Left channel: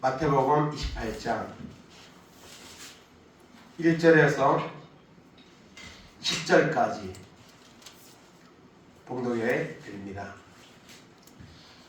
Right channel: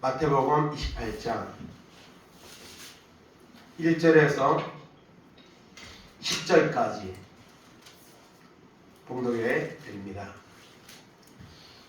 마태복음 28장 1절에서 10절까지 봉독에 드립니다.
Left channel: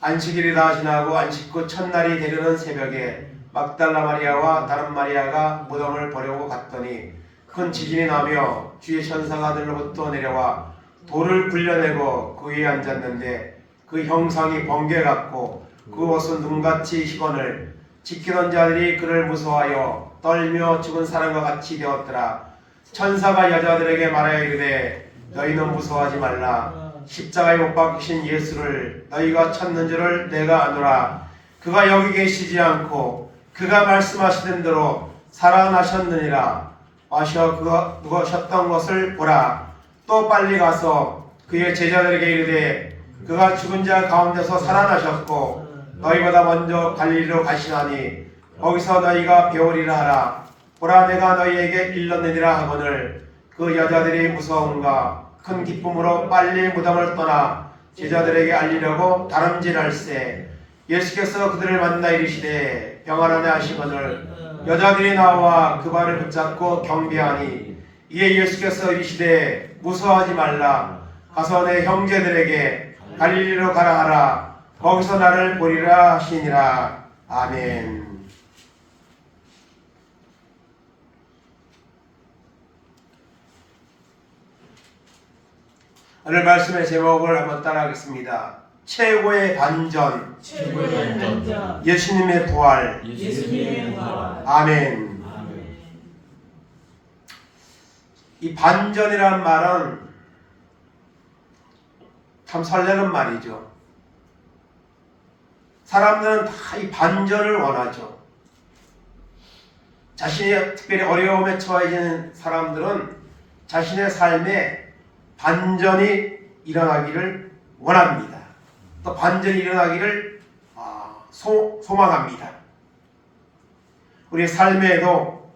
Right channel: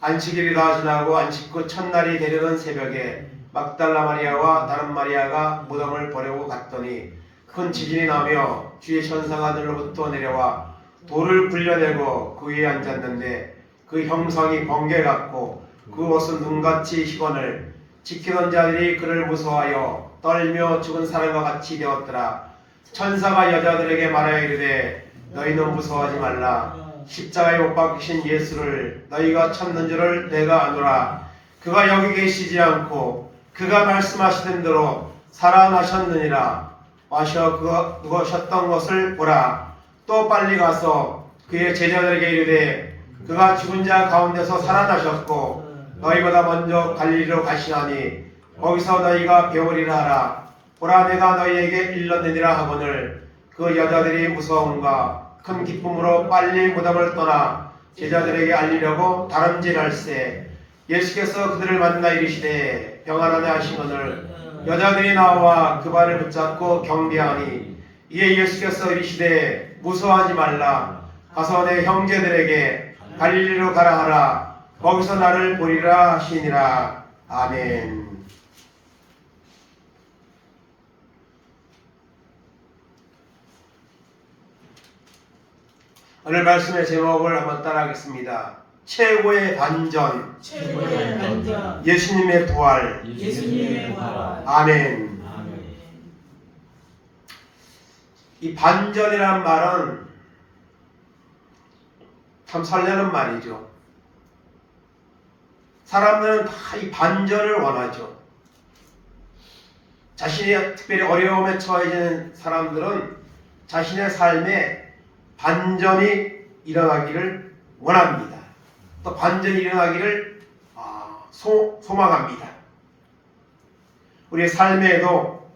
안식일이라 지나고 안식구 첫날이 되려는 새벽에 막달라 마리아와 다른 마리아가 무덤을 보려고 갔더니 큰 지진이 나며 주의 천사가 들로부터 내려와 돌을 굴려내고 그 위에 앉았는데 그 형상이 번개 같고 그 옷은 눈같이 희건을 지키던 자들이 그를 무서워하여 떨며 죽은 사람과 같이 되었더라. 천사가 여자들에게 말하여 이르되 너희는 무서워하지 말라. 십자가에 못 박히신 예수를 너희가 찾는 줄을 내가 아노라. 그가 여기 계시지 않고 그가 말씀하시던 대로 살아나셨느니라. 와셔 그가 누구셨던 것을 보라. 또 빨리 가서 그의 제자들에게 이르되 그가 죽은 자 가운데서 살아나셨고 너희보다 먼저 갈리로 가시나니 거기서 너희가 배우리라 하라. 보라 내가 너희에게 일렀느니라 하거늘 그 여자들이 무서움과 큰 기쁨으로 빨리 무덤을 떠나 제자들에게 알리려고 다름질할세. 예수께서 그들을 만나 이르시되 평안하네 하시거늘 여자들이 나와 그 발을 붙잡고 경배하니 이에 예수께서 이르시되 무서워하지 말라. 가서 내 형제들에게 갈릴리로 가라 하라 거기서 나를 보리라 하시니라. 아멘. 오늘 말씀의 제목을 한번 따라하겠습니다. 최고의 반전. 최고의 반전. 예수님의 부활. 예수님의 부활. 아멘. 아멘. 이 반전이란 말은 참 설레는 말이죠. 사람들은 다 이 반전을 원하죠. 자신의 특별히 어려움에 처해지는 사람들은 자신의 삶에 반전이 일어나기를 원합니다. 또 반전이 일어나기를 아, 소, 소망합니다. 우리 삶에도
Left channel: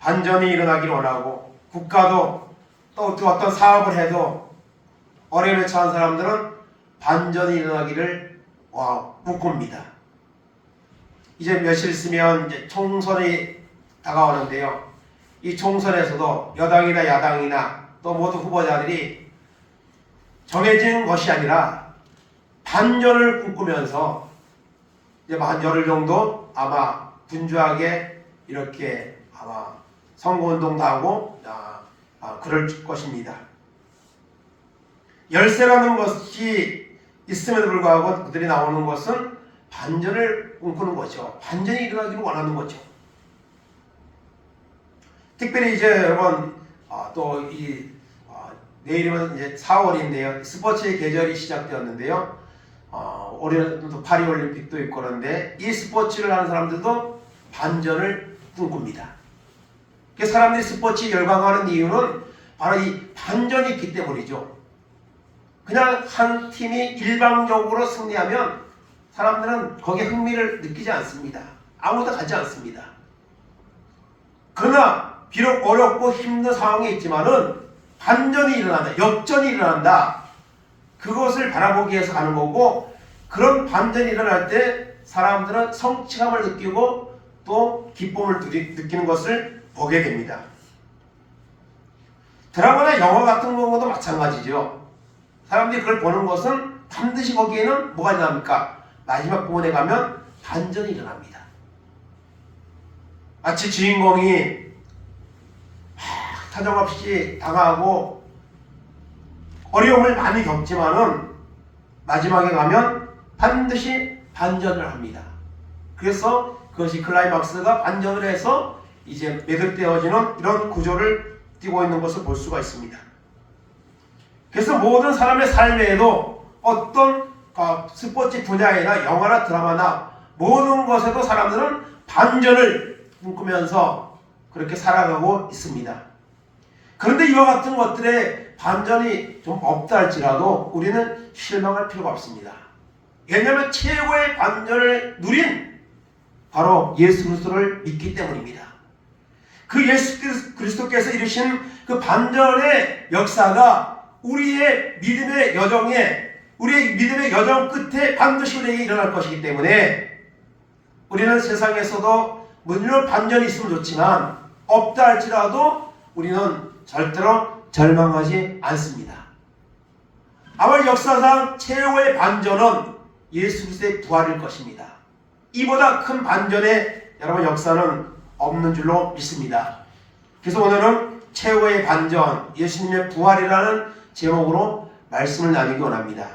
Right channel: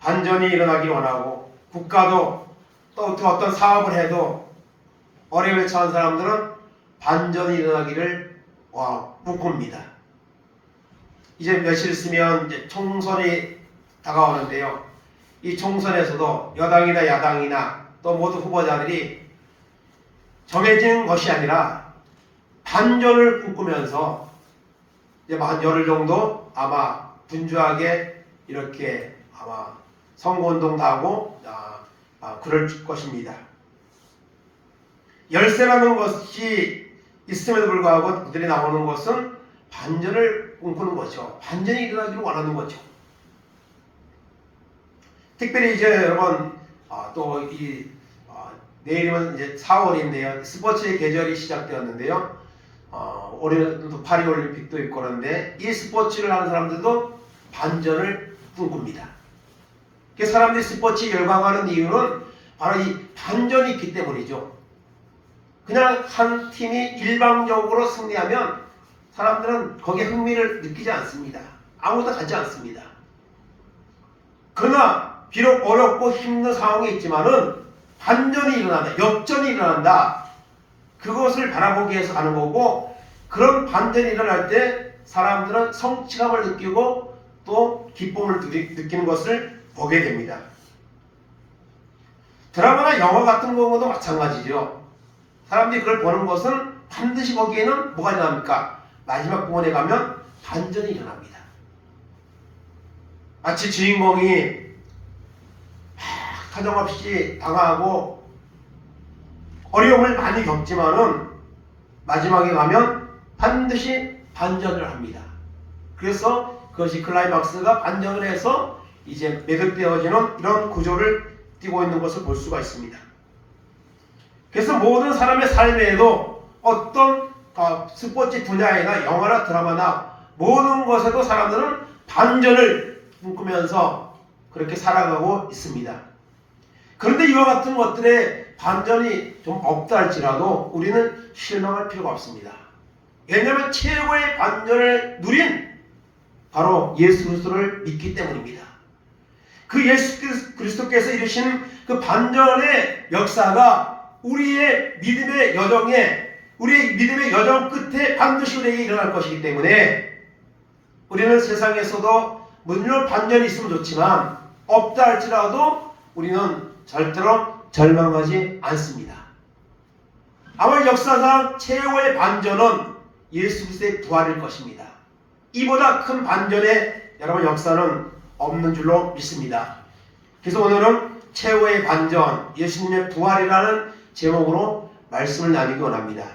반전이 일어나기를 원하고 국가도 또 그 어떤 사업을 해도 어려움에 처한 사람들은 반전이 일어나기를 어, 꿈꿉니다. 이제 며칠 있으면 이제 총선이 다가오는데요. 이 총선에서도 여당이나 야당이나 또 모두 후보자들이 정해진 것이 아니라 반전을 꿈꾸면서 이제 뭐한 열흘 정도 아마 분주하게 이렇게 아마 선거운동도 하고 아, 아, 그럴 것입니다. 열세라는 것이 있음에도 불구하고 그들이 나오는 것은 반전을 꿈꾸는 거죠. 반전이 일어나기를 원하는 거죠. 특별히 이제 여러분 아, 또이 아, 내일이면 이제 4월인데요. 스포츠의 계절이 시작되었는데요. 어, 올해는 파리 올림픽도 있고 그런데 이 스포츠를 하는 사람들도 반전을 꿈꿉니다. 그 사람들이 스포츠에 열광하는 이유는 바로 이 반전이 있기 때문이죠. 그냥 한 팀이 일방적으로 승리하면 사람들은 거기에 흥미를 느끼지 않습니다. 아무도 가지 않습니다. 그러나 비록 어렵고 힘든 상황이 있지만은 반전이 일어난다. 역전이 일어난다. 그것을 바라보기 위해서 가는 거고 그런 반전이 일어날 때 사람들은 성취감을 느끼고 또 기쁨을 느끼- 느끼는 것을 보게 됩니다. 드라마나 영화 같은 경우도 마찬가지죠. 사람들이 그걸 보는 것은 반드시 거기에는 뭐가 일어납니까? 마지막 부분에 가면 반전이 일어납니다. 마치 주인공이 막 타정없이 당하고 어려움을 많이 겪지만은 마지막에 가면 반드시 반전을 합니다. 그래서 그것이 클라이막스가 반전을 해서 이제 매듭되어지는 이런 구조를 띠고 있는 것을 볼 수가 있습니다. 그래서 모든 사람의 삶에도 어떤 어, 스포츠 분야이나 영화나 드라마나 모든 것에도 사람들은 반전을 꿈꾸면서 그렇게 살아가고 있습니다. 그런데 이와 같은 것들에 반전이 좀 없다 할지라도 우리는 실망할 필요가 없습니다. 왜냐하면 최고의 반전을 누린 바로 예수 그리스도를 믿기 때문입니다. 그 예수 그리스- 그리스도께서 이루신 그 반전의 역사가 우리의 믿음의 여정에 우리의 믿음의 여정 끝에 반드시 우리에게 일어날 것이기 때문에 우리는 세상에서도 물론 반전이 있으면 좋지만 없다 할지라도 우리는 절대로 절망하지 않습니다. 아마 역사상 최고의 반전은 예수 그리스도의 부활일 것입니다. 이보다 큰 반전의 여러분 역사는 없는 줄로 믿습니다. 그래서 오늘은 최고의 반전 예수님의 부활이라는 제목으로 말씀을 나누기 원합니다.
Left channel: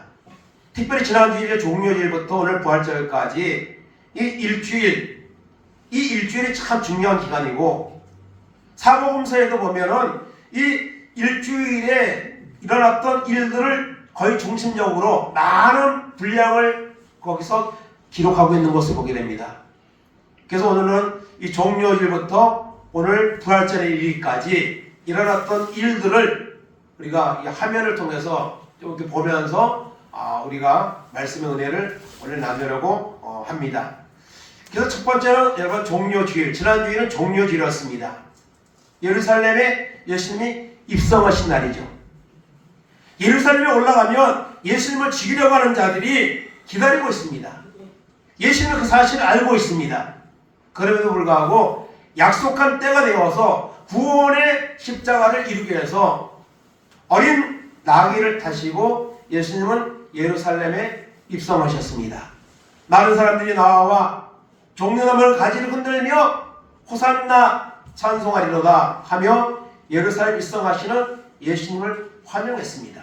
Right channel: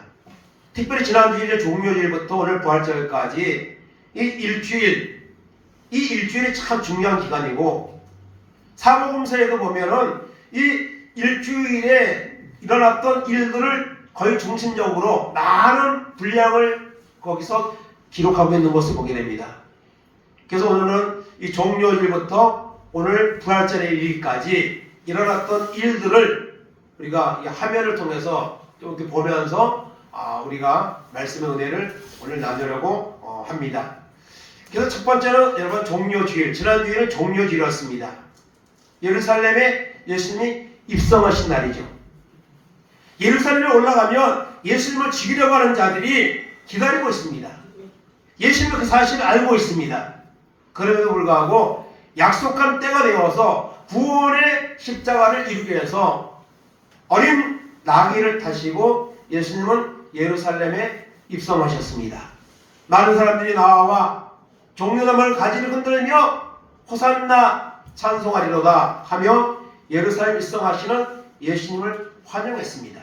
특별히 지난 주일의 종료일부터 오늘 부활절까지 이 일주일 이 일주일이 참 중요한 기간이고 사복음서에도 보면은 이 일주일에 일어났던 일들을 거의 중심적으로 많은 분량을 거기서 기록하고 있는 것을 보게 됩니다. 그래서 오늘은 이 종료일부터 오늘 부활절의 일까지 일어났던 일들을 우리가 이 화면을 통해서 이렇게 보면서 아, 우리가 말씀의 은혜를 오늘 나누려고 어, 합니다. 그래서 첫 번째는 여러분 종료주일, 지난 주일은 종료주일이었습니다. 예루살렘에 예수님이 입성하신 날이죠. 예루살렘에 올라가면 예수님을 죽이려고 하는 자들이 기다리고 있습니다. 예수님은 그 사실을 알고 있습니다. 그럼에도 불구하고 약속한 때가 되어서 구원의 십자가를 이루기 위해서 어린 나귀를 타시고 예수님은 예루살렘에 입성하셨습니다. 많은 사람들이 나와 종려나무를 가지를 흔들며 호산나 찬송하리로다 하며 예루살렘 입성하시는 예수님을 환영했습니다.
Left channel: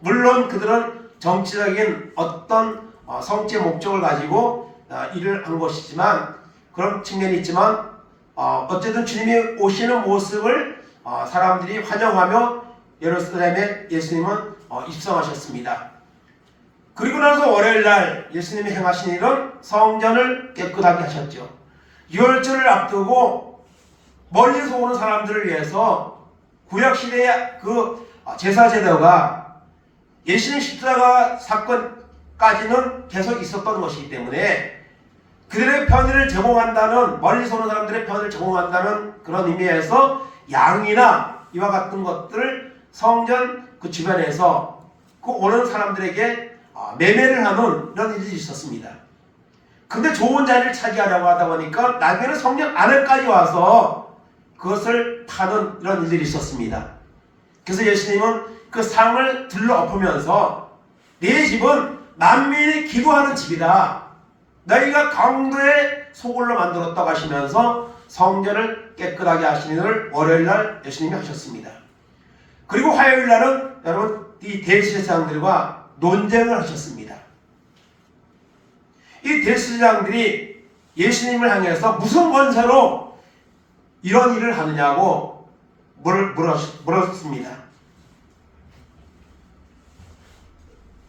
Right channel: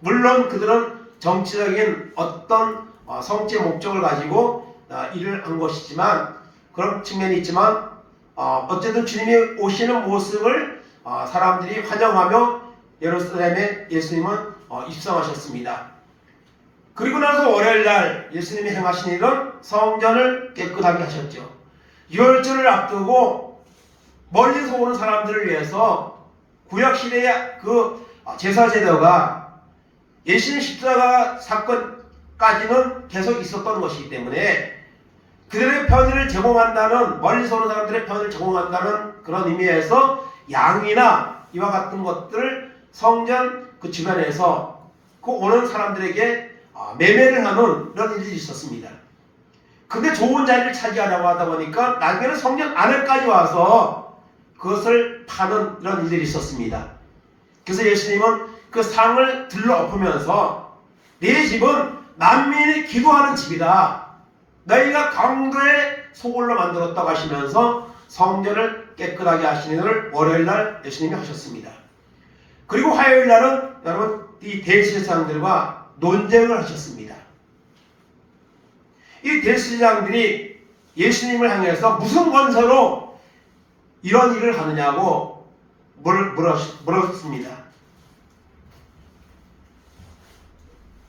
물론 그들은 정치적인 어떤 어, 성체 목적을 가지고 어, 일을 한 것이지만 그런 측면이 있지만 어, 어쨌든 주님이 오시는 모습을 어, 사람들이 환영하며 예루살렘에 예수님은 어, 입성하셨습니다. 그리고 나서 월요일 날 예수님이 행하신 일은 성전을 깨끗하게 하셨죠. 유월절을 앞두고 멀리서 오는 사람들을 위해서 구약 시대의 그 제사 제도가 예수님 십자가 사건까지는 계속 있었던 것이기 때문에 그들의 편의를 제공한다는 멀리서 오는 사람들의 편을 제공한다는 그런 의미에서 양이나 이와 같은 것들을 성전 그 주변에서 그 오는 사람들에게 아, 매매를 하는 이런 일이 있었습니다. 근데 좋은 자리를 차지하려고 하다 보니까 나중에는 성전 안에까지 와서 그것을 파는 이런 일들이 있었습니다. 그래서 예수님은 그 상을 들러엎으면서 네 집은 만민이 기도하는 집이다. 너희가 강도의 소굴로 만들었다고 하시면서 성전을 깨끗하게 하시는 일을 월요일 날 예수님이 하셨습니다. 그리고 화요일 날은 여러분 이 대제사장들과 논쟁을 하셨습니다. 이 대제사장들이 예수님을 향해서 무슨 권세로 이런 일을 하느냐고 물, 물었, 물었습니다.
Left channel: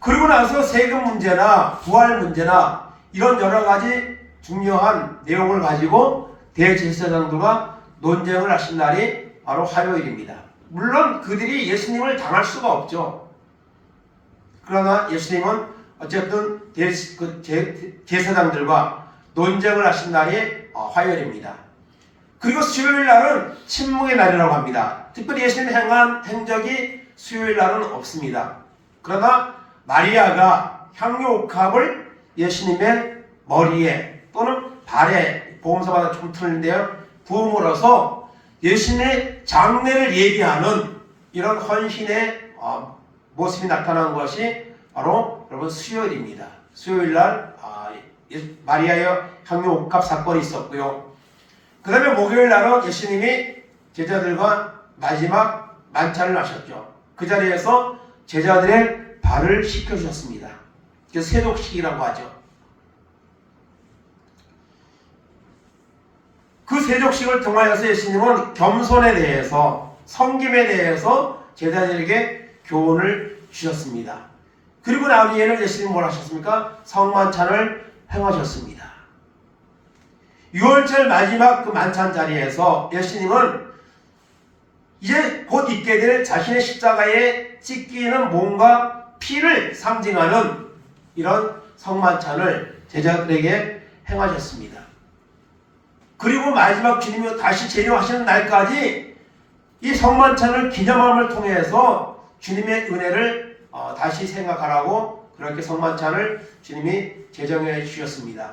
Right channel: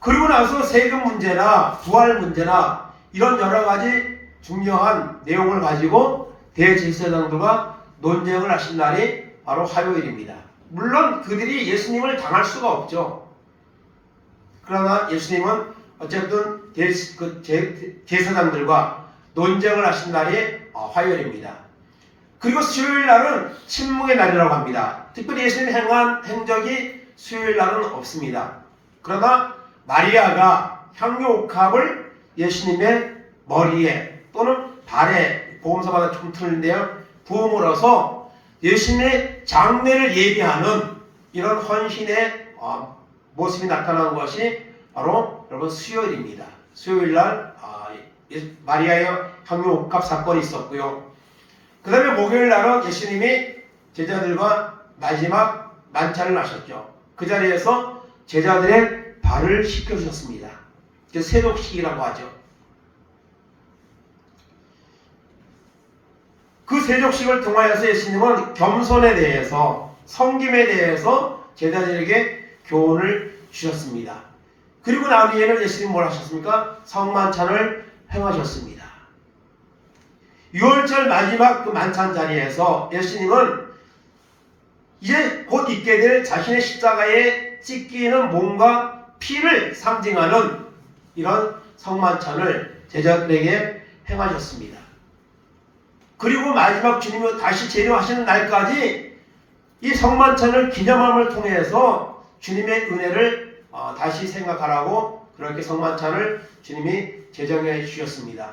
그리고 나서 세금 문제나 부활 문제나 이런 여러 가지 중요한 내용을 가지고 대제사장들과 논쟁을 하신 날이 바로 화요일입니다. 물론 그들이 예수님을 당할 수가 없죠. 그러나 예수님은 어쨌든 대, 그 제, 제사장들과 논쟁을 하신 날이 어, 화요일입니다. 그리고 수요일 날은 침묵의 날이라고 합니다. 특별히 예수님이 행한 행적이 수요일 날은 없습니다. 그러나 마리아가 향유 옥합을 예수님의 머리에 또는 발에 보험서마다 좀 틀린데요. 부음으로써 예수님의 장례를 얘기하는 이런 헌신의 어, 모습이 나타난 것이 바로 여러분 수요일입니다. 수요일 날 아, 예- 마리아의 향유 옥합 사건이 있었고요. 그 다음에 목요일 날은 예수님이 제자들과 마지막 만찬을 하셨죠. 그 자리에서 제자들의 발을 씻겨주셨습니다. 그래서 세족식이라고 하죠. 그 세족식을 통하여서 예수님은 겸손에 대해서 성김에 대해서 제자들에게 교훈을 주셨습니다. 그리고 나중에는 예수님 뭘 하셨습니까? 성만찬을 행하셨습니다. 6월절 마지막 그 만찬 자리에서 예수님은 이제 곧 있게 될 자신의 십자가에 찢기는 몸과 피를 상징하는 이런 성만찬을 제자들에게 행하셨습니다. 그리고 마지막 주님이 다시 재림하시는 날까지 이 성만찬을 기념함을 통해서 주님의 은혜를 어, 다시 생각하라고 그렇게 성만찬을 주님이 제정해 주셨습니다.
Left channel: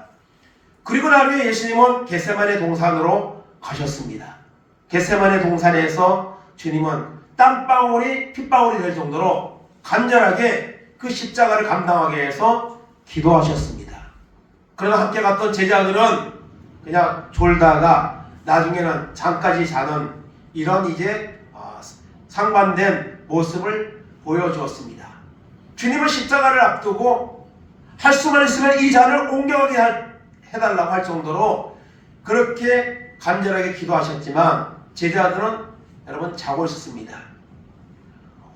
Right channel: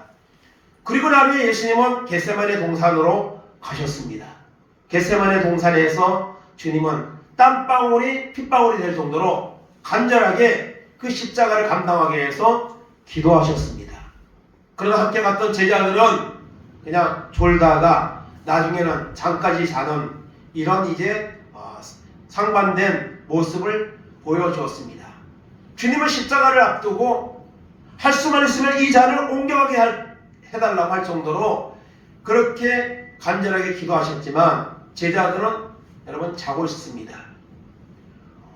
그리고 난 후에 예수님은 겟세만의 동산으로 가셨습니다. 겟세만의 동산에서 주님은 땀방울이 핏방울이 될 정도로 간절하게 그 십자가를 감당하기 위해서 기도하셨습니다. 그러나 함께 갔던 제자들은 그냥 졸다가 나중에는 잠까지 자는 이런 이제 어, 상반된 모습을 보여주었습니다. 주님은 십자가를 앞두고 할 수만 있으면 이 잔을 옮겨가게 할- 해달라고 할 정도로 그렇게 간절하게 기도하셨지만 제자들은 여러분 자고 있었습니다.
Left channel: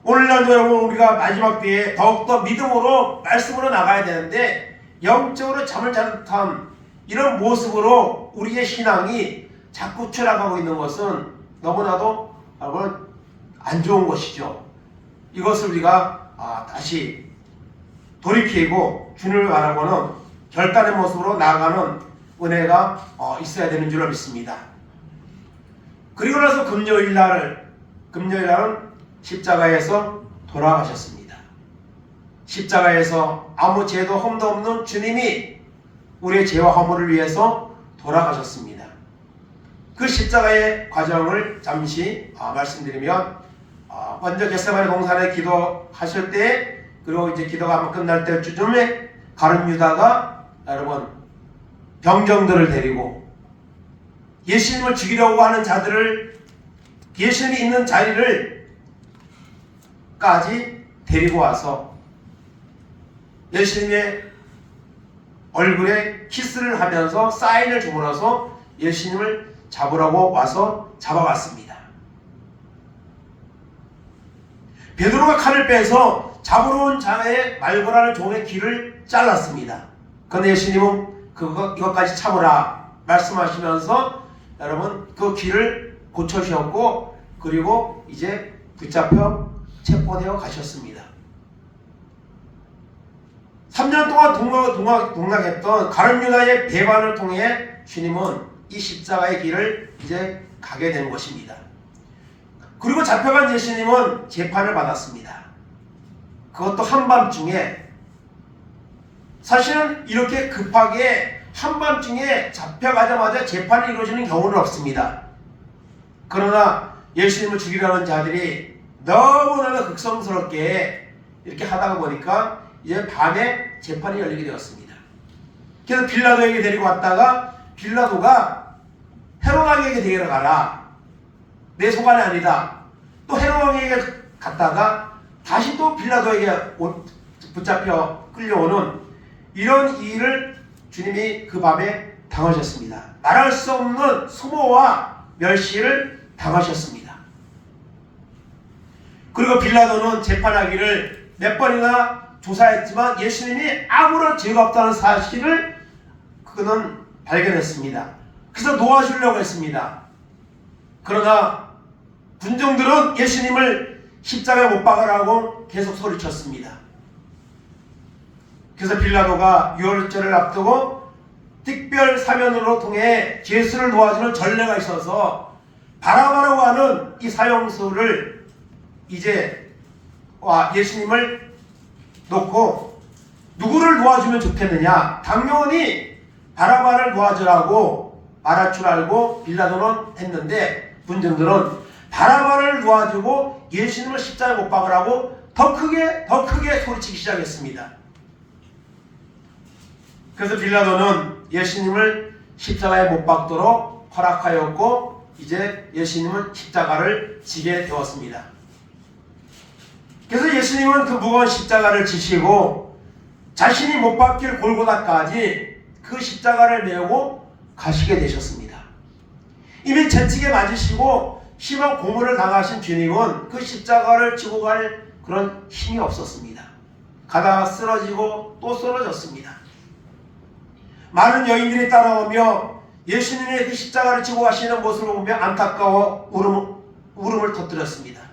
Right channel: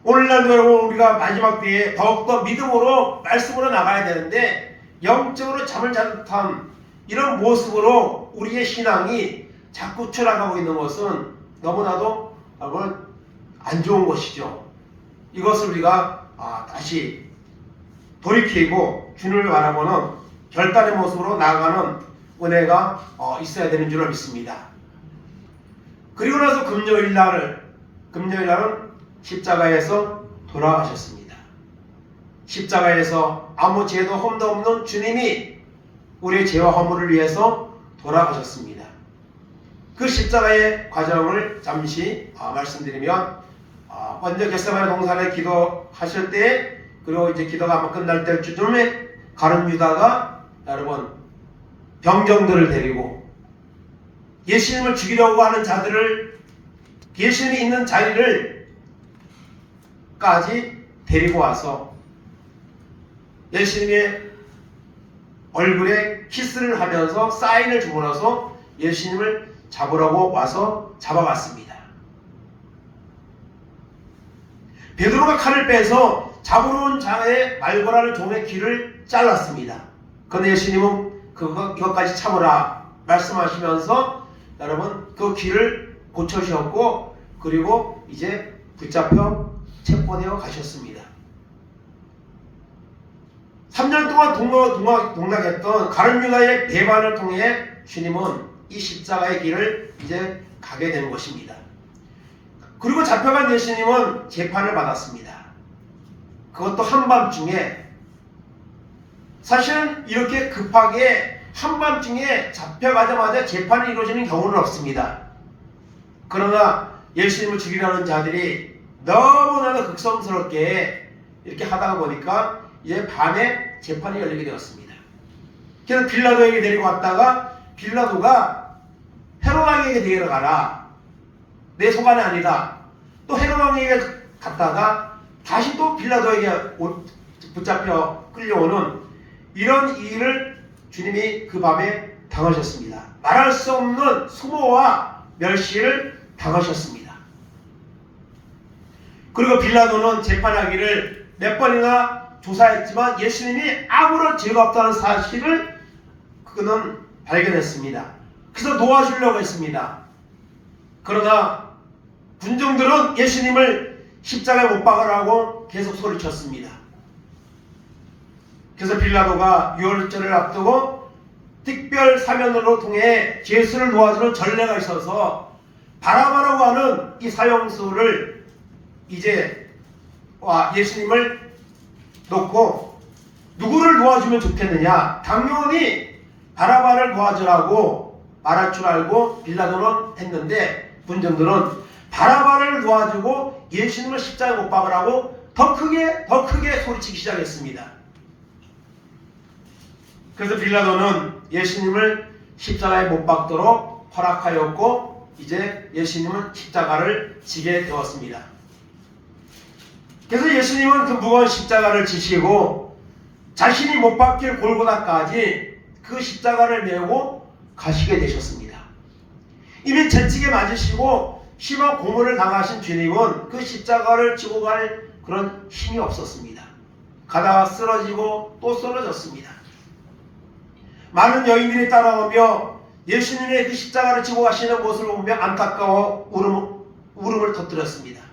오늘날도 여러분 우리가 마지막 때에 더욱더 믿음으로 말씀으로 나가야 되는데 영적으로 잠을 자는 듯한 이런 모습으로 우리의 신앙이 자꾸 추락하고 있는 것은 너무나도 안 좋은 것이죠. 이것을 우리가 아, 다시 돌이키고 주님을 바라보는 결단의 모습으로 나아가는 은혜가 어, 있어야 되는 줄을 믿습니다. 그리고 나서 금요일 날 금요일 날은 십자가에서 돌아가셨습니다. 십자가에서 아무 죄도 험도 없는 주님이 우리의 죄와 허물을 위해서 돌아가셨습니다. 그 십자가의 과정을 잠시 아, 말씀드리면 아, 먼저 겟세마네 동산에 기도하실 때 그리고 이제 기도가 한번 끝날 때쯤에 가룟 유다가 여러분 병정들을 데리고 예수님을 죽이려고 하는 자들을 예수님이 있는 자리를 까지 데리고 와서 예수님의 얼굴에 키스를 하면서 사인을 주물어서 예수님을 잡으라고 와서 잡아갔습니다. 베드로가 칼을 빼서 잡으러 온 자의 말거라는 종의 귀를 잘랐습니다. 그런데 예수님은 그거 이것까지 참으라 말씀하시면서 여러분 그 귀를 고쳐주셨고 그리고 이제 붙잡혀 체포되어 가셨습니다. 3년 동안 동락, 동락, 동락했던 가룟 유다의 배반을 통해 주님은 이 십자가의 길을 이제 가게 된 것입니다. 그리고 잡혀간 예수님은 재판을 받았습니다. 그것도 한밤중에 사실은 이렇게 급하게 한밤중에 잡혀가자마자 재판이 이루어지는 경우는 없습니다. 그러나 예수님을 죽이려는 자들이 너무나도 극성스럽게 이렇게 하다가 보니까 이제 밤에 재판이 열리게 되었습니다. 그래서 빌라도에게 데리고 왔다가 빌라도가 헤롯 왕에게 데리러 가라. 내 소관이 아니다. 또 헤롯 왕에게 갔다가 다시 또 빌라도에게 오- 붙잡혀 끌려오는 이런 일을 주님이 그 밤에 당하셨습니다. 말할 수 없는 수모와 멸시를 당하셨습니다. 그리고 빌라도는 재판하기를 몇 번이나 조사했지만 예수님이 아무런 죄가 없다는 사실을 그는 발견했습니다. 그래서 도와주려고 했습니다. 그러나 군중들은 예수님을 십자가에 못 박으라고 계속 소리쳤습니다. 그래서 빌라도가 유월절을 앞두고 특별 사면으로 통해 예수를 도와주는 전례가 있어서 바라바라고 하는 이 사형수를 이제 와 예수님을 놓고 누구를 도와주면 좋겠느냐? 당연히 바라바를 도와주라고 말할 줄 알고 빌라도는 했는데 군중들은 바라바를 도와주고 예수님을 십자가에 못 박으라고 더 크게 더 크게 소리치기 시작했습니다. 그래서 빌라도는 예수님을 십자가에 못 박도록 허락하였고 이제 예수님은 십자가를 지게 되었습니다. 그래서 예수님은 그 무거운 십자가를 지시고 자신이 못 박힐 골고다까지 그 십자가를 메고 가시게 되셨습니다. 이미 채찍에 맞으시고 심한 고문을 당하신 주님은 그 십자가를 지고 갈 그런 힘이 없었습니다. 가다가 쓰러지고 또 쓰러졌습니다. 많은 여인들이 따라오며 예수님의 그 십자가를 지고 가시는 모습을 보며 안타까워 울음, 울음을 터뜨렸습니다.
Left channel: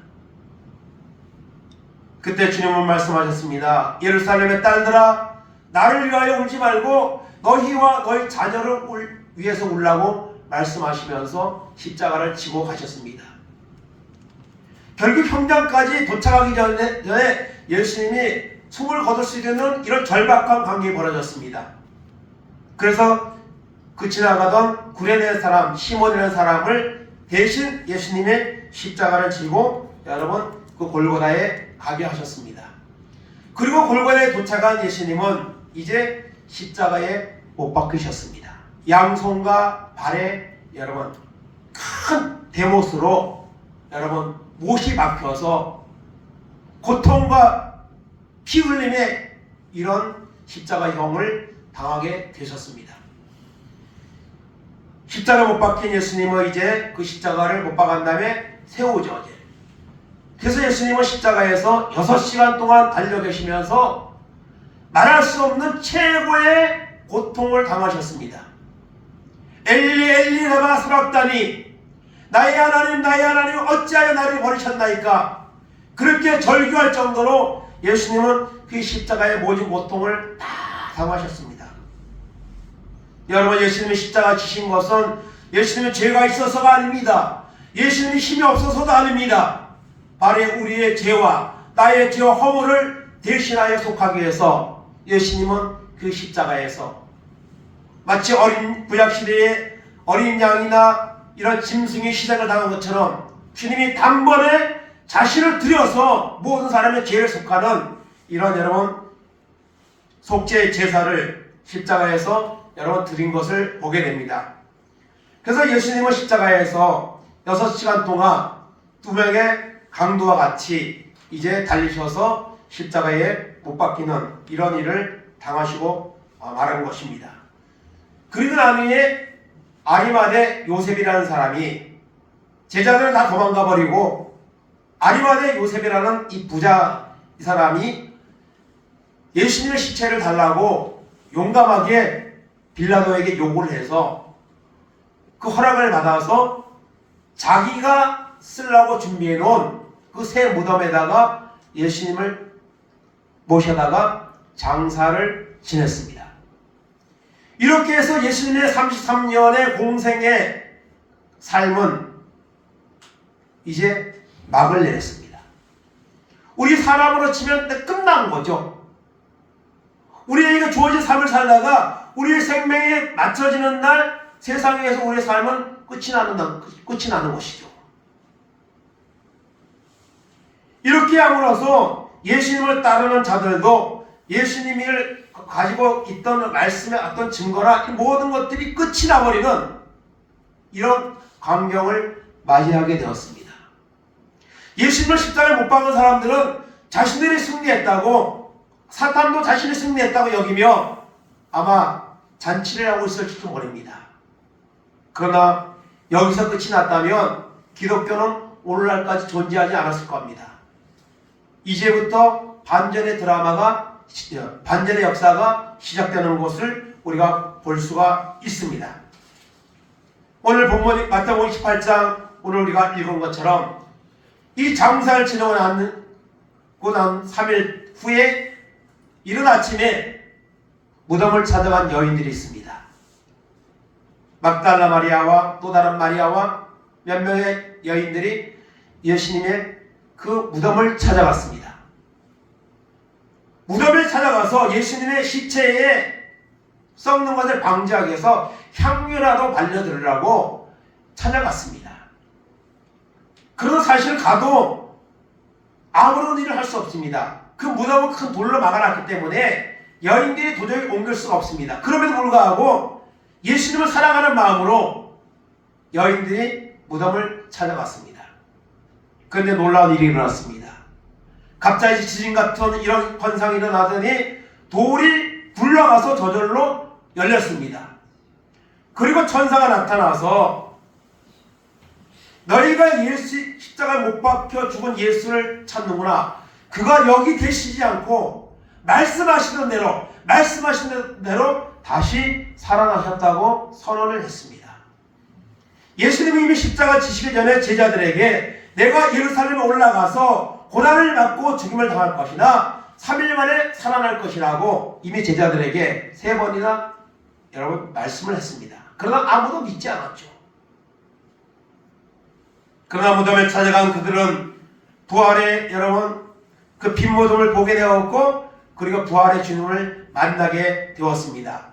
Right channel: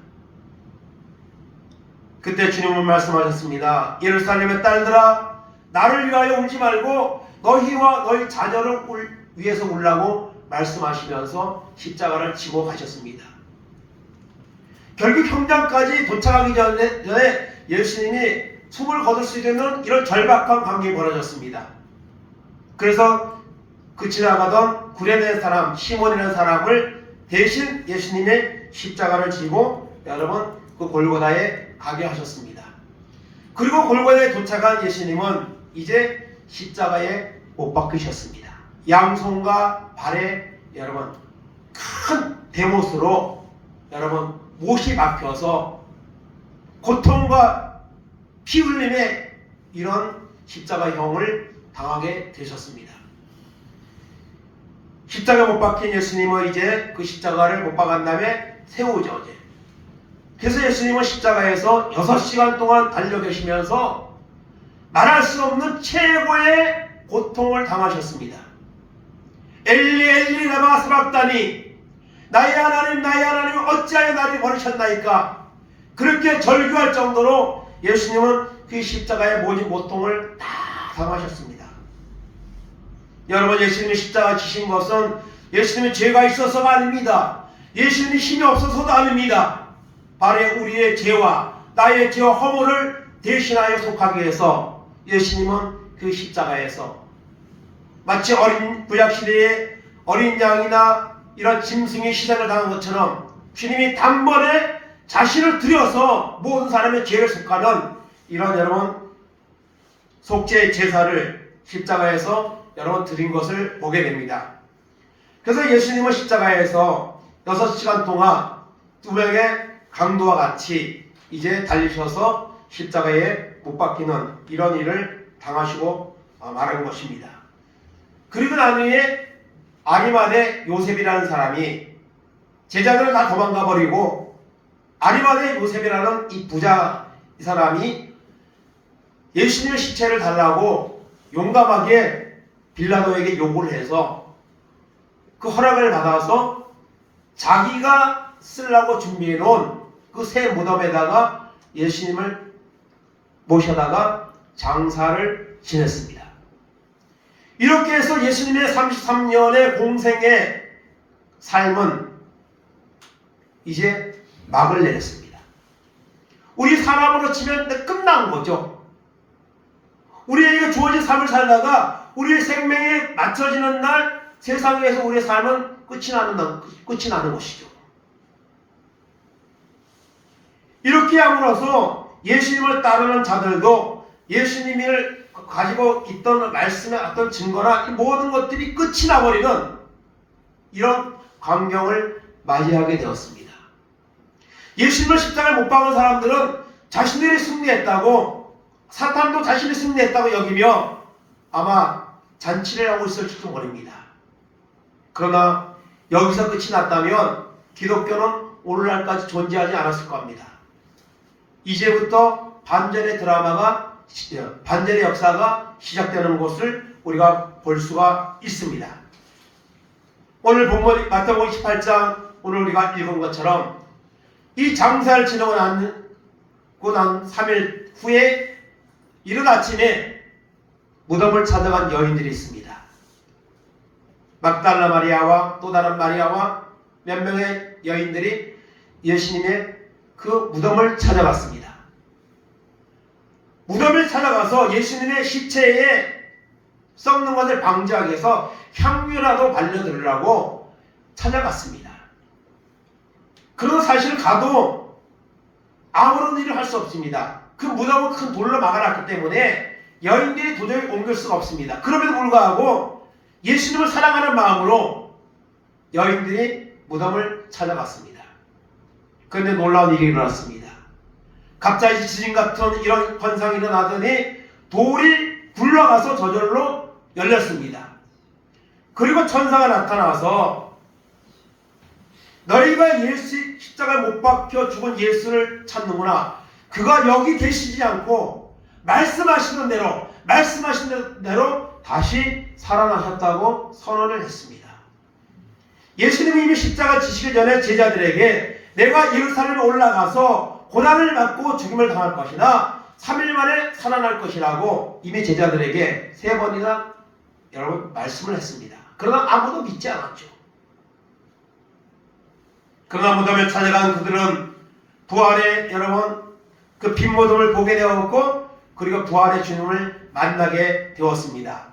그때 주님은 말씀하셨습니다. 예루살렘의 딸들아 나를 위하여 울지 말고 너희와 너희 자녀를 울, 위해서 울라고 말씀하시면서 십자가를 지고 가셨습니다. 결국 현장까지 도착하기 전에, 전에 예수님이 숨을 거둘 수 있는 이런 절박한 관계가 벌어졌습니다. 그래서 그 지나가던 구레네 사람 시몬이라는 사람을 대신 예수님의 십자가를 지고 여러분 그 골고다에 가게 하셨습니다. 그리고 골고다에 도착한 예수님은 이제 십자가에 못 박히셨습니다. 양손과 발에 여러분 큰 대못으로 여러분 못이 박혀서 고통과 피 흘림의 이런 십자가형을 당하게 되셨습니다. 십자가 못 박힌 예수님을 이제 그 십자가를 못 박은 다음에 세우죠. 그래서 예수님은 십자가에서 6시간 동안 달려 계시면서 말할 수 없는 최고의 고통을 당하셨습니다. 엘리 엘리 라마 사박다니 나의 하나님 나의 하나님 어찌하여 나를 버리셨나이까 그렇게 절규할 정도로 예수님은 그 십자가의 모든 고통을 다 당하셨습니다. 여러분 예수님이 십자가 지신 것은 예수님의 죄가 있어서가 아닙니다. 예수님이 힘이 없어서도 아닙니다. 바로 우리의 죄와 나의 죄와 허물을 대신하여 속하기 위해서 예수님은 그 십자가에서 마치 어린 구약 시대의 어린 양이나 이런 짐승이 희생을 당한 것처럼 주님이 단번에 자신을 들여서 모든 사람의 죄를 속하는 이런 여러분 속죄 제사를 십자가에서 여러분 드린 것을 보게 됩니다. 그래서 예수님은 십자가에서 6시간 동안 두 명의 강도와 같이 이제 달리셔서 십자가에 못 박히는 이런 일을 당하시고 어, 말한 것입니다. 그리고 난 후에 아리마대 요셉이라는 사람이 제자들을 다 도망가 버리고 아리마대 요셉이라는 이 부자 이 사람이 예수님의 시체를 달라고 용감하게 빌라도에게 요구를 해서 그 허락을 받아서 자기가 쓰려고 준비해 놓은 그 새 무덤에다가 예수님을 모셔다가 장사를 지냈습니다. 이렇게 해서 예수님의 33년의 공생의 삶은 이제 막을 내렸습니다. 우리 사람으로 치면 끝난 거죠. 우리에게 주어진 삶을 살다가 우리의 생명에 맞춰지는 날 세상에서 우리의 삶은 끝이 나는 날, 끝이 나는 것이죠. 이렇게 함으로써 예수님을 따르는 자들도 예수님을 가지고 있던 말씀의 어떤 증거나 이 모든 것들이 끝이 나버리는 이런 광경을 맞이하게 되었습니다. 예수님을 십자가에 못 박은 사람들은 자신들이 승리했다고 사탄도 자신이 승리했다고 여기며 아마 잔치를 하고 있을지도 모릅니다. 그러나 여기서 끝이 났다면 기독교는 오늘날까지 존재하지 않았을 겁니다. 이제부터 반전의 드라마가 시- 어, 반전의 역사가 시작되는 것을 우리가 볼 수가 있습니다. 오늘 본문 마태복음 28장 오늘 우리가 읽은 것처럼 이 장사를 지나고 난, 고난 3일 후에 이른 아침에 무덤을 찾아간 여인들이 있습니다. 막달라 마리아와 또 다른 마리아와 몇 명의 여인들이 예수님의 그 무덤을 찾아갔습니다. 무덤을 찾아가서 예수님의 시체에 썩는 것을 방지하기 위해서 향유라도 발려드리라고 찾아갔습니다. 그러나 사실 가도 아무런 일을 할 수 없습니다. 그 무덤은 큰 돌로 막아놨기 때문에 여인들이 도저히 옮길 수가 없습니다. 그럼에도 불구하고 예수님을 사랑하는 마음으로 여인들이 무덤을 찾아갔습니다. 그런데 놀라운 일이 일어났습니다. 갑자기 지진 같은 이런 현상이 일어나더니 돌이 굴러가서 저절로 열렸습니다. 그리고 천사가 나타나서 너희가 예수 십자가에 못 박혀 죽은 예수를 찾는구나. 그가 여기 계시지 않고 말씀하시는 대로 말씀하시는 대로 다시 살아나셨다고 선언을 했습니다. 예수님이 이미 십자가 지시기 전에 제자들에게 내가 예루살렘에 올라가서 고난을 받고 죽임을 당할 것이나 3일 만에 살아날 것이라고 이미 제자들에게 세 번이나 여러분 말씀을 했습니다. 그러나 아무도 믿지 않았죠. 그러나 무덤에 찾아간 그들은 부활의 여러분 그 빈모둠을 보게 되었고 그리고 부활의 주님을 만나게 되었습니다.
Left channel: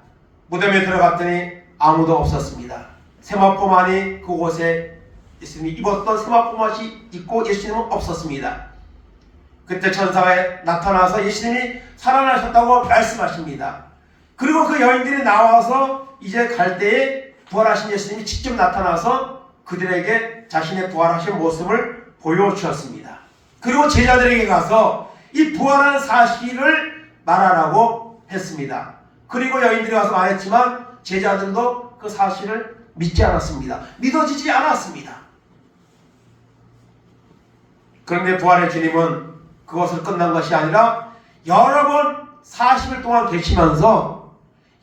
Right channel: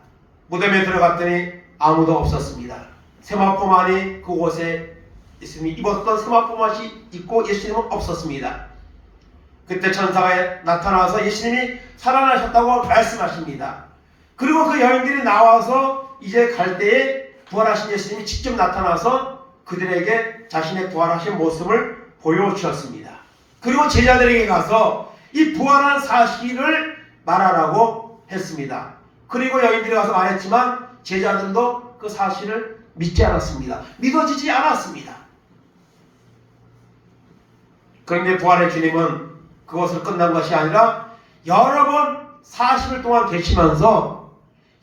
무덤에 들어갔더니 아무도 없었습니다. 세마포만이 그곳에 있으니 입었던 세마포만이 있고 예수님은 없었습니다. 그때 천사가 나타나서 예수님이 살아나셨다고 말씀하십니다. 그리고 그 여인들이 나와서 이제 갈 때에 부활하신 예수님이 직접 나타나서 그들에게 자신의 부활하신 모습을 보여주었습니다. 그리고 제자들에게 가서 이 부활한 사실을 말하라고 했습니다. 그리고 여인들이 와서 말했지만 제자들도 그 사실을 믿지 않았습니다. 믿어지지 않았습니다. 그런데 부활의 주님은 그것을 끝난 것이 아니라 여러 번 40일 동안 계시면서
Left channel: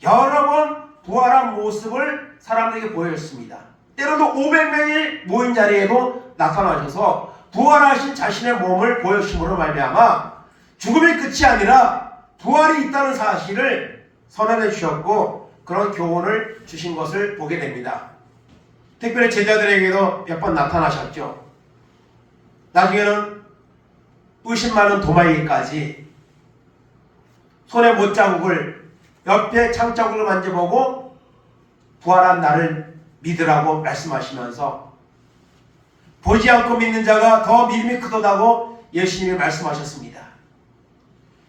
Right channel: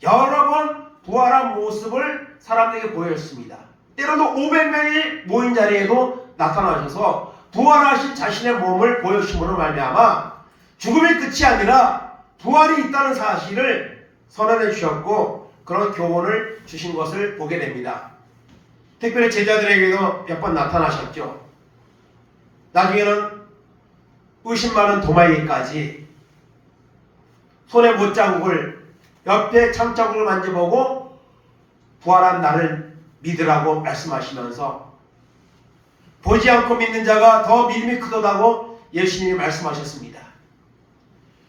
여러 번 부활한 모습을 사람들에게 보였습니다. 때로도 500명이 모인 자리에도 나타나셔서 부활하신 자신의 몸을 보여주심으로 말미암아 죽음의 끝이 아니라 부활이 있다는 사실을 선언해 주셨고 그런 교훈을 주신 것을 보게 됩니다. 특별히 제자들에게도 몇 번 나타나셨죠. 나중에는 의심 많은 도마에게까지 손에 못자국을 옆에 창자국을 만져보고 부활한 나를 믿으라고 말씀하시면서 보지 않고 믿는 자가 더 믿음이 크도다고 예수님이 말씀하셨습니다.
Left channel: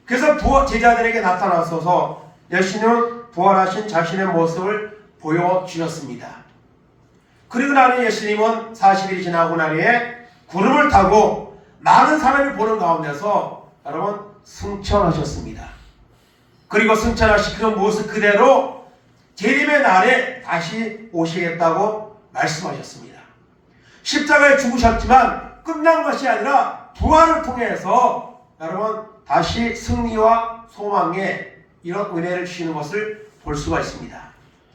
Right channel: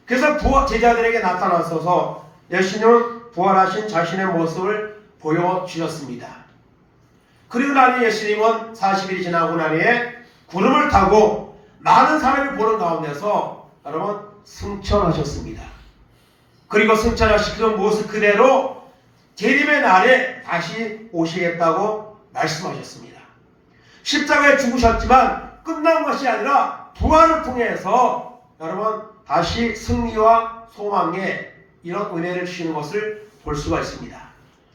그래서 부활 제자들에게 나타나서서 예수님은 부활하신 자신의 모습을 보여주셨습니다. 그리고 나는 예수님은 40일이 지나고 난 후에 구름을 타고 많은 사람이 보는 가운데서 여러분 승천하셨습니다. 그리고 승천하신 그 모습 그대로 재림의 날에 다시 오시겠다고 말씀하셨습니다. 십자가에 죽으셨지만 끝난 것이 아니라 부활을 통해서 여러분 다시 승리와 소망에 이런 은혜를 주시는 것을 볼 수가 있습니다.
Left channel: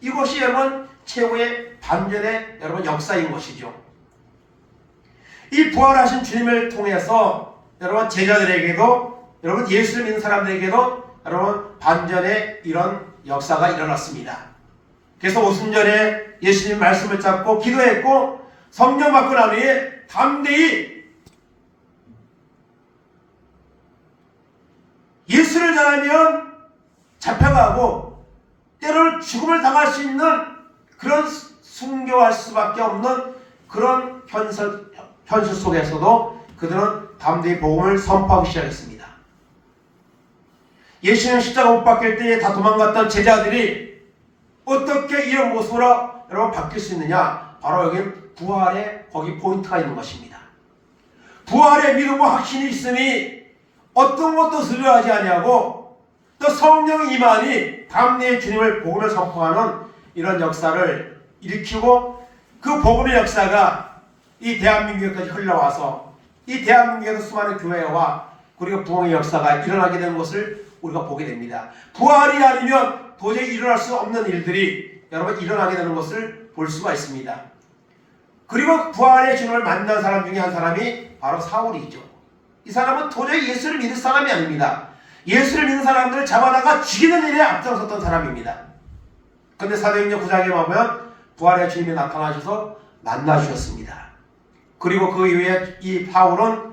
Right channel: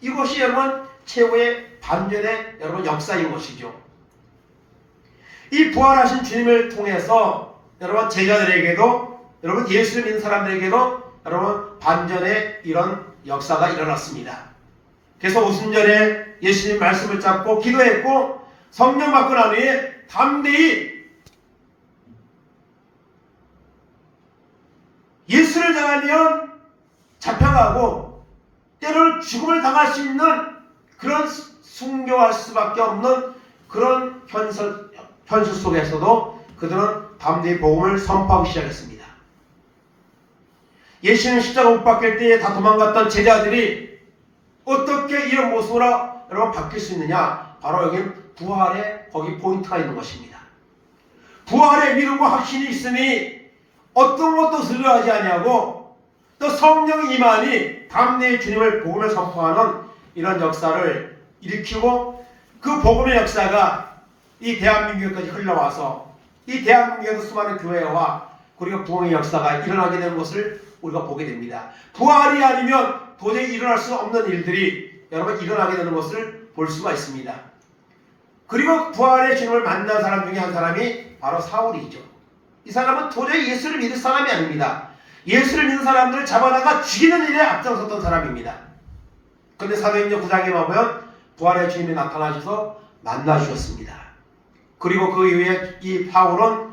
이것이 여러분 최고의 반전의 여러분 역사인 것이죠. 이 부활하신 주님을 통해서 여러분 제자들에게도 여러분 예수를 믿는 사람들에게도 여러분 반전의 이런 역사가 일어났습니다. 그래서 오순절에 예수님 말씀을 잡고 기도했고 성령 받고 난 후에 담대히 예수를 당하면 잡혀가고 때로는 죽음을 당할 수 있는 그런 순교할 수밖에 없는 그런 현실, 현실 속에서도 그들은 담대히 복음을 선포하기 시작했습니다. 예수님 십자가 못 박힐 때에 다 도망갔던 제자들이 어떻게 이런 모습으로 여러분 바뀔 수 있느냐? 바로 여기 부활의 거기 포인트가 있는 것입니다. 부활의 믿음과 확신이 있으니 어떤 것도 두려워하지 아니하고 또 성령 임하니 담대히 주님을 복음을 선포하는 이런 역사를 일으키고 그 복음의 역사가 이 대한민국까지 흘러와서 이 대한민국에서 수많은 교회와 그리고 부흥의 역사가 일어나게 된 것을 우리가 보게 됩니다. 부활이 아니면 도저히 일어날 수 없는 일들이 여러분 일어나게 되는 것을 볼 수가 있습니다. 그리고 부활의 주님을 만난 사람 중에 한 사람이 바로 사울이죠. 이 사람은 도저히 예수를 믿을 사람이 아닙니다. 예수를 믿는 사람들을 잡아다가 죽이는 일에 앞장섰던 사람입니다. 근데 사도행전 9장에 보면 부활의 주님이 나타나셔서 만나주셨습니다. 그리고 그 이후에 이 바울은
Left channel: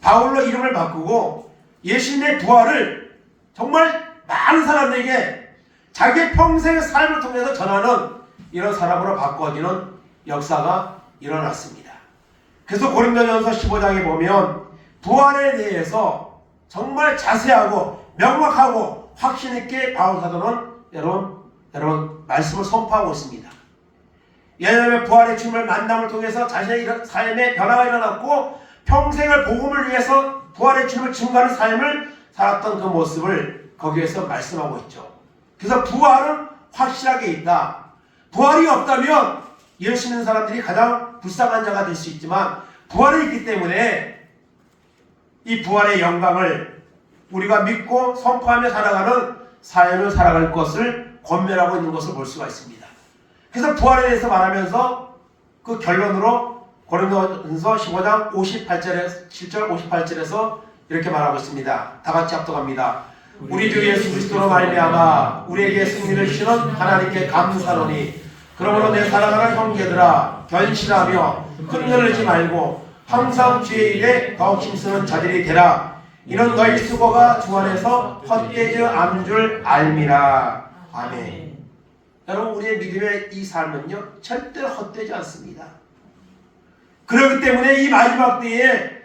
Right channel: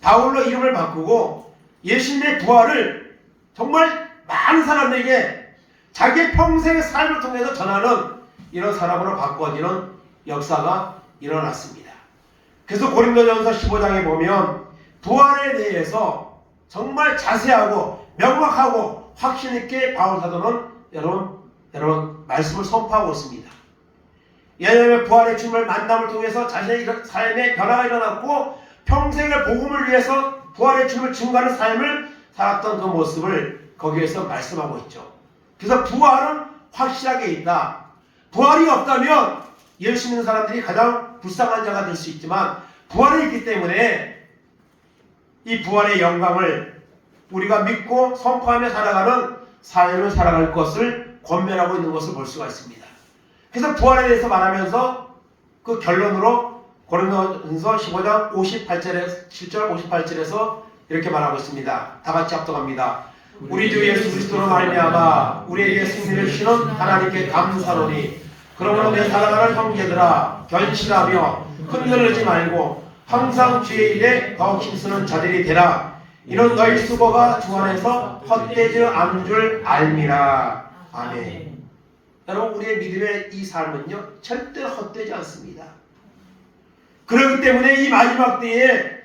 바울로 이름을 바꾸고 예수님의 부활을 정말 많은 사람들에게 자기 평생의 삶을 통해서 전하는 이런 사람으로 바꿔지는 역사가 일어났습니다. 그래서 고린도전서 15장에 보면 부활에 대해서 정말 자세하고 명확하고 확신 있게 바울 사도는 여러분 여러분 말씀을 선포하고 있습니다. 예전에 부활의 주님을 만남을 통해서 자신의 삶에 변화가 일어났고 평생을 복음을 위해서 부활의 주님을 증거하는 삶을 살았던 그 모습을 거기에서 말씀하고 있죠. 그래서 부활은 확실하게 있다. 부활이 없다면 예수 믿는 사람들이 가장 불쌍한 자가 될 수 있지만 부활이 있기 때문에 이 부활의 영광을 우리가 믿고 선포하며 살아가는 삶을 살아갈 것을 권면하고 있는 것을 볼 수가 있습니다. 그래서 부활에 대해서 말하면서 그 결론으로 고린도전서 15장 58절에 7절 58절에서 이렇게 말하고 있습니다. 다 같이 합독합니다. 우리 주 예수 그리스도로 말미암아 우리에게 승리를 주시는 하나님께 감사하노니 그러므로 내 사랑하는 형제들아 결실하며 흔들리지 말고 항상 주의 일에 더욱 힘쓰는 자들이 되라 이는 너희 수고가 주 안에서 헛되지 않은 줄 알미라 아멘 여러분 우리의 믿음의 이 삶은요 절대로 헛되지 않습니다. 그렇기 때문에 이 마지막 때에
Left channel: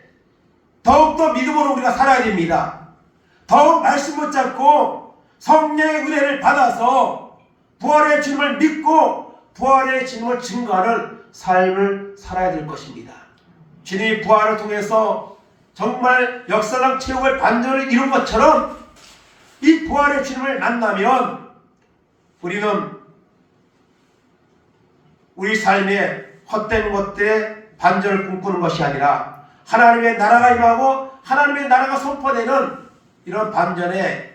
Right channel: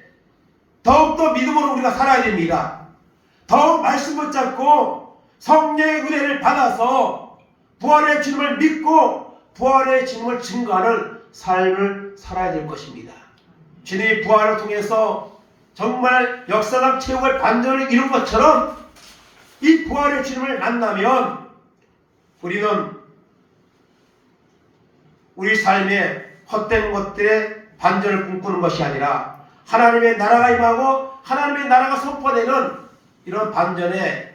더욱더 믿음으로 우리가 살아야 됩니다. 더욱 말씀 붙잡고 성령의 은혜를 받아서 부활의 주님을 믿고 부활의 주님을 증거하는 삶을 살아야 될 것입니다. 주님이 부활을 통해서 정말 역사상 최고의 반전을 이룬 것처럼 이 부활의 주님을 만나면 우리는 우리 삶에 헛된 것들에 반전을 꿈꾸는 것이 아니라 하나님의 나라가 임하고 하나님의 나라가 선포되는 이런 반전의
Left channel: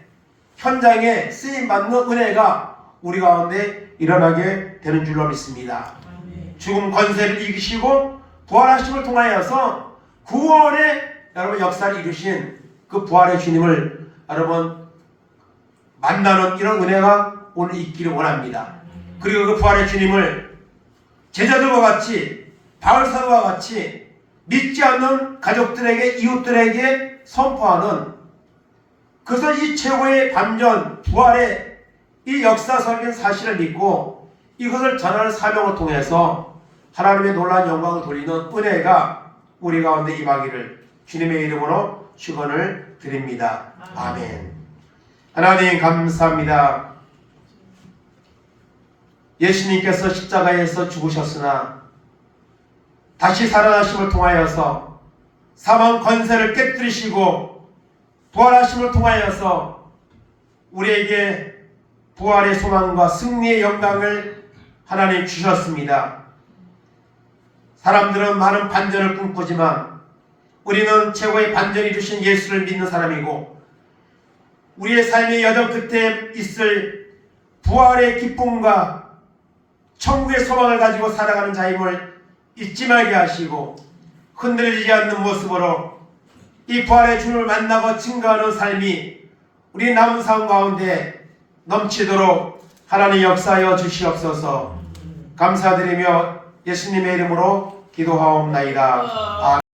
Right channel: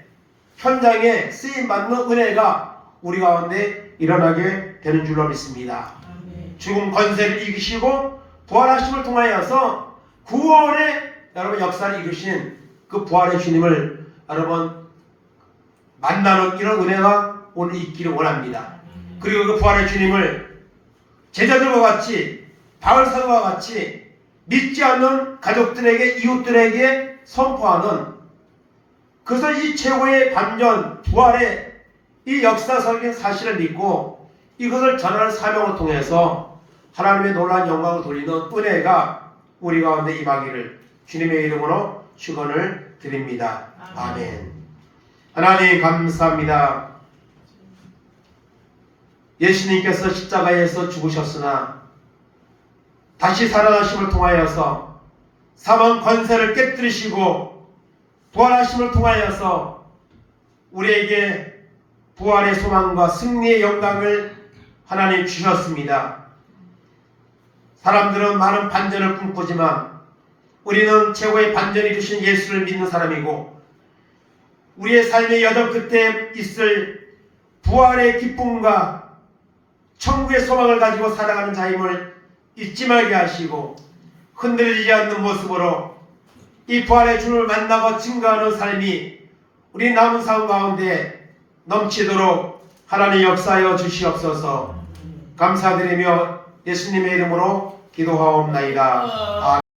현장에 쓰임 받는 은혜가 우리 가운데 일어나게 되는 줄로 믿습니다. 죽음 권세를 이기시고 부활하심을 통하여서 구원의 여러분 역사를 이루신 그 부활의 주님을 여러분 만나는 이런 은혜가 오늘 있기를 원합니다. 그리고 그 부활의 주님을 제자들과 같이 바울 사도와 같이 믿지 않는 가족들에게 이웃들에게 선포하는 그래서 이 최고의 반전 부활의 이 역사적인 사실을 믿고 이것을 전하는 사명을 통해서 하나님의 놀라운 영광을 돌리는 은혜가 우리 가운데 임하기를 주님의 이름으로 축원을 드립니다. 아멘. 하나님 감사합니다. 예수님께서 십자가에서 죽으셨으나 다시 살아나심을 통하여서 사망 권세를 깨뜨리시고 부활하심을 통하여서 우리에게 부활의 소망과 승리의 영광을 하나님 주셨습니다. 사람들은 많은 반전을 꿈꾸지만 우리는 최고의 반전이 주신 예수를 믿는 사람이고 우리의 삶의 여정 끝에 있을 부활의 기쁨과 천국의 소망을 가지고 살아가는 자임을 잊지 말게 하시고 흔들리지 않는 모습으로 이 부활의 주를 만나고 증거하는 삶이 우리 남은 삶 가운데 넘치도록 하나님 역사하여 주시옵소서 감사드리며 예수님의 이름으로 기도하옵나이다. 아멘.